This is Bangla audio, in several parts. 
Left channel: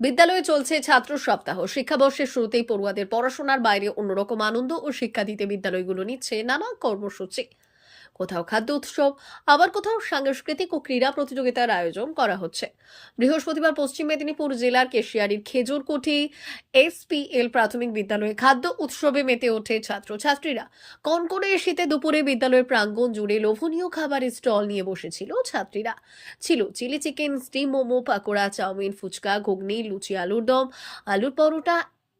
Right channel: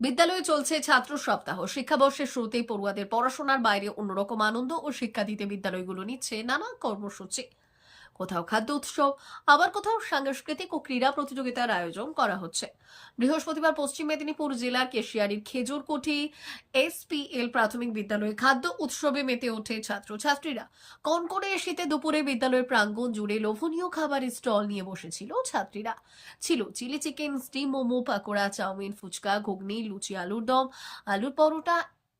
বিদ্যালয়ে চলছে ছাত্র সপ্তাহ। শিক্ষাবর্ষের শুরুতেই পড়ুয়াদের পড়াশোনার বাইরে অন্যরকম আনন্দ ও শিক্ষা দিতে বিদ্যালয়গুলো নিচ্ছে নানা কর্মসূচি। কোথাও খাদ্য উৎসব, আবার কোথাও সাংস্কৃতিক ও ক্রীড়া প্রতিযোগিতার আয়োজন করা হচ্ছে। বৃহস্পতিবার পশ্চিম মেদিনীপুর জেলার কেশিয়ারির খেজুরকুঠি এসপিএল প্রাথমিক বিদ্যালয়ে খাদ্য উৎসবে মেতে ওঠে ছাত্রছাত্রীরা। কনকনে শীতে দুপুরে বিদ্যালয়ের প্রাঙ্গণ জুড়ে লোভনীয় খাবারের স্টল নিয়ে বসেছিল ছাত্রীরা। ছিল chilli chicken, steam momo, pakora, chow mein, phuchka, ghugni, luchi, আলুর দম, আলুর পরোটা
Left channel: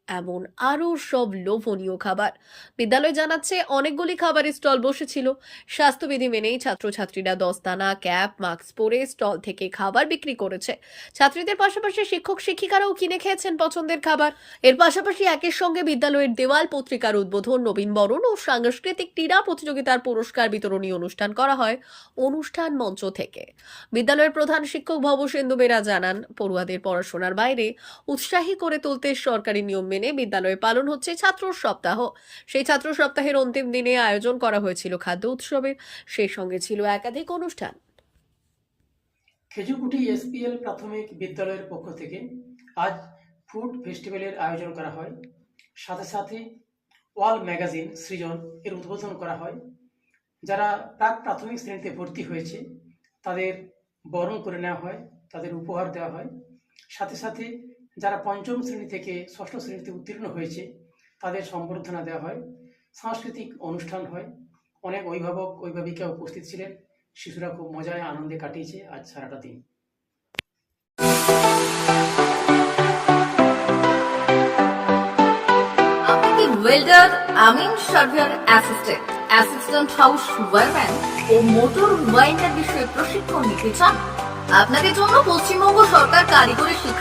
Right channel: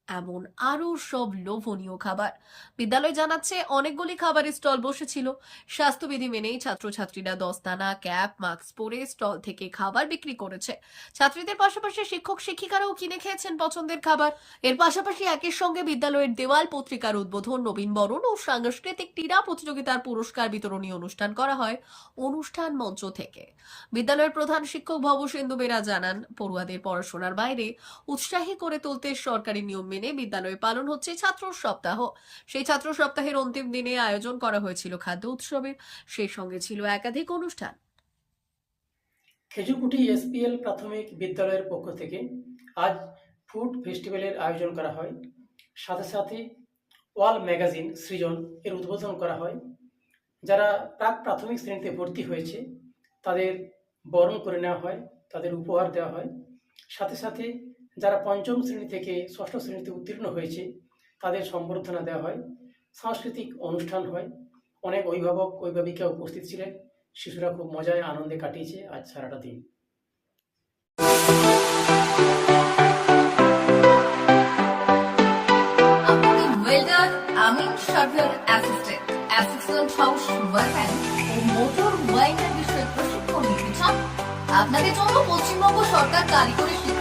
এমন আরও সব লোভনীয় খাবার। বিদ্যালয় জানাচ্ছে অনেকগুলি খাবারের স্টল বসেছিল। স্বাস্থ্যবিধি মেনেই ছাত্রছাত্রীরা দস্তানা, ক্যাপ, মাস্ক পরে স্টল থেকে খাবার বিক্রি করেছে। ছাত্রীদের পাশাপাশি শিক্ষক শিক্ষিকারাও কিনে খেয়েছেন পছন্দের খাবার। এর পাশাপাশি একের সঙ্গে বিদ্যালয়ের দেওয়াল পত্রিকার উদ্বোধন নবীনবরণ ও সাংস্কৃতিক ক্রীড়া প্রতিযোগিতার পুরস্কার বিতরণী অনুষ্ঠান করা হয় অনুষ্ঠান মঞ্চ থেকে। বিদ্যালয়ের প্রধান শিক্ষক ভবসেন্দু বেরা জানান, পড়ুয়াদের পড়াশোনার বাইরে উৎসাহী করে তুলতে সরকারি নিয়ম মেনে বিদ্যালয়ে পালন হচ্ছে ছাত্র সপ্তাহ। সেই ছাত্র সপ্তাহের অন্তিম দিনে আয়োজন করা হয়েছিল খাদ্য উৎসবের। সেই সঙ্গে ছিল একাধিক অনুষ্ঠান। খেজুরকুটি এসপিএল প্রাথমিক বিদ্যালয়ের পক্ষ থেকে আজ ফুড ফেস্টিভ্যালের আয়োজন করা হয়। সাথে সাথে ওয়াল ম্যাগাজিন সৃজন এর উদ্বোধন করা হয়। যারা প্রাক প্রাথমিক শ্রেণীতে ভর্তি হয়েছে, তাদের বরণ করে নেওয়া হয়, তাদের উপহার দেওয়া হয়। সাথে সাথে যারা পঞ্চম শ্রেণি থেকে ষষ্ঠ শ্রেণীতে উত্তীর্ণ হয়েছে, তাদের সম্বর্ধনা দেওয়া হয়। সাংস্কৃতিক অনুষ্ঠান হয়। অনেক অভিভাবক, অভিভাবিকা উপস্থিত ছিলেন। শিশুরা খুব মজায় আনন্দে কাটিয়েছে আজ সারাটা দিন। ওয়েল্ডার আমিন surveyor assistant assistant house wireman ও মোটর ওয়াইন্ডার বিষয়ে প্রশিক্ষণ নিতে চান? আপনাদের জন্য পশ্চিমবঙ্গ সরকার কারিগরি